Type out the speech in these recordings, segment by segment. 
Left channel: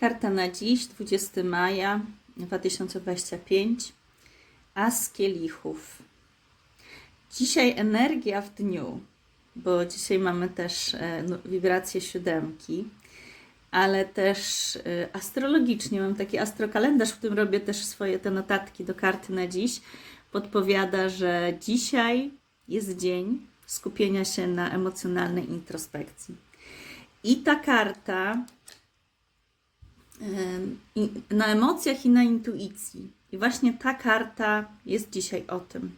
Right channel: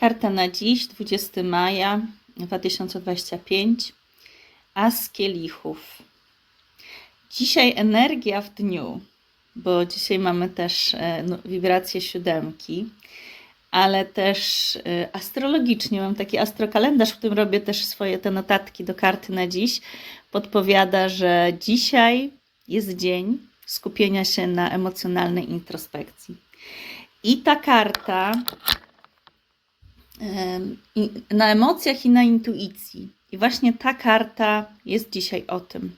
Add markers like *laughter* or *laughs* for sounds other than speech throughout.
Karta na dziś, 20 maja 2025. As kielichów. Dzisiaj energia w dniu, bo dzisiaj mamy też e, no, wibrację siódemki, ale też e, astrologicznie mam taki astrokalendarz, w którym robię też swoje te notatki do karty na dziś. Podpowiada, że dzisiaj jest dzień skupienia się na emocjonalnej introspekcji. I ta karta na emocjach i na intuicji. I właśnie ta karta jest dzisiaj o tym.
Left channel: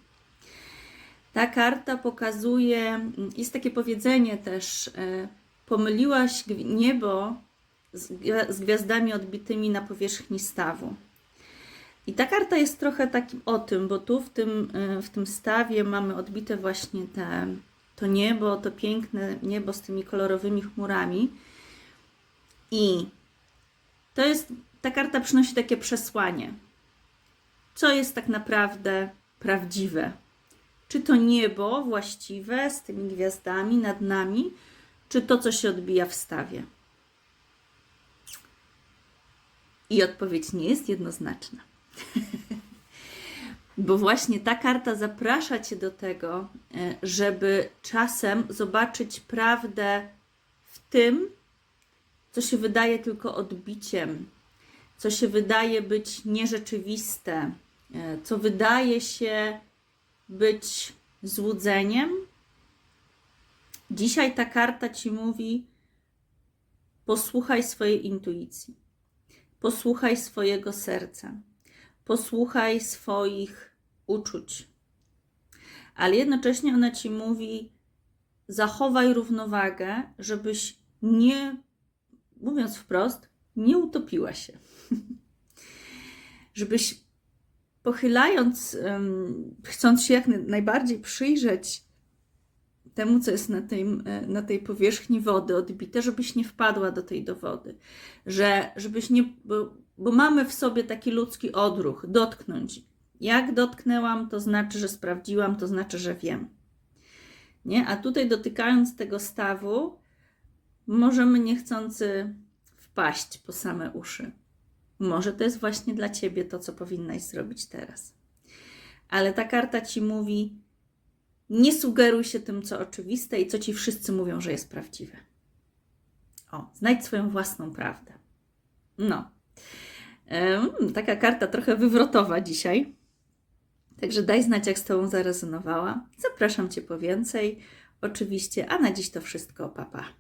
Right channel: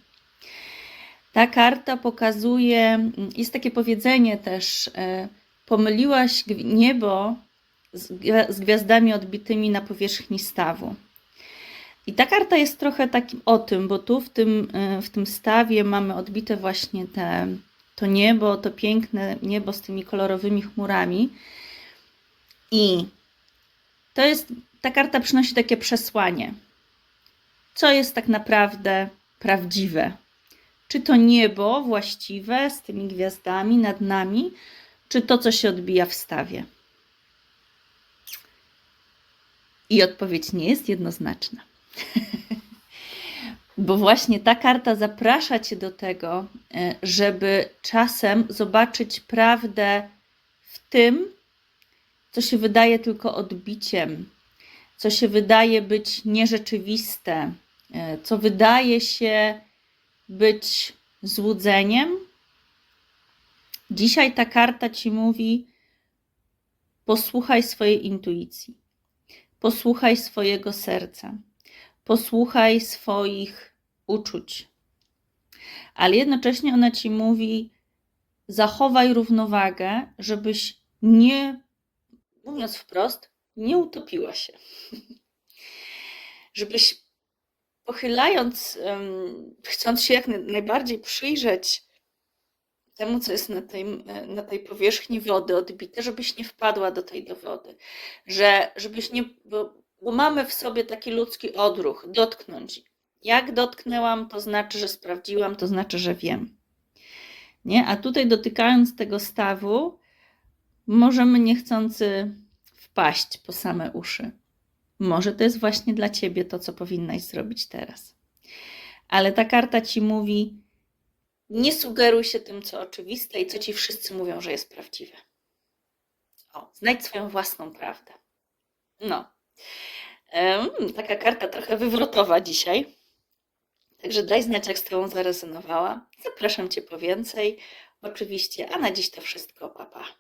Ta karta pokazuje, jest takie powiedzenie też, e, pomyliłaś niebo z gwiazdami odbitymi na powierzchni stawu. I ta karta jest trochę takim o tym, bo tu w tym, e, w tym stawie mamy odbite właśnie te, to niebo, to piękne niebo z tymi kolorowymi chmurami. I to jest, ta karta przynosi takie przesłanie. Co jest tak naprawdę prawdziwe? Czy to niebo właściwe z tymi gwiazdami nad nami, czy to, co się odbija w stawie? I odpowiedź nie jest jednoznaczna. *laughs* Bo właśnie ta karta zaprasza cię do tego, e, żeby czasem zobaczyć prawdę w tym, co się wydaje tylko odbiciem, co się wydaje być nierzeczywiste, e, co wydaje się być złudzeniem. Dzisiaj ta karta ci mówi: posłuchaj swojej intuicji, posłuchaj swojego serca, posłuchaj swoich uczuć. Ale jednocześnie ona ci mówi: zachowaj równowagę, żebyś nie, mówiąc wprost, nie utopiła się. *laughs* żebyś pochylając, chcąc się jak naj- najbardziej przyjrzeć temu, co jest na tej, na tej powierzchni wody odbite, żebyś nie wpadła do tej do wody. Że, żebyś nie, bo, bo mamy w sobie taki ludzki odruch, dotknąć. Jak dotknęłam, to znaczy, że sprawdziłam, to znaczy, że wiem. Nie? A tutaj dotykając tego stawu, możemy niechcący wpaść po same uszy. Może to jest właśnie dla ciebie to, co powinnaś zrobić teraz. Ale ta karta ci mówi: nie sugeruj się tym, co oczywiste i co ci wszyscy mówią, że jest prawdziwe. O, znajdź swoją własną prawdę. No. Taka karta trochę wywrotowa dzisiaj. Także daj znać, jak z Tobą zarezonowała. Zapraszam Cię po więcej. Oczywiście, a na dziś to wszystko. Papa. Pa.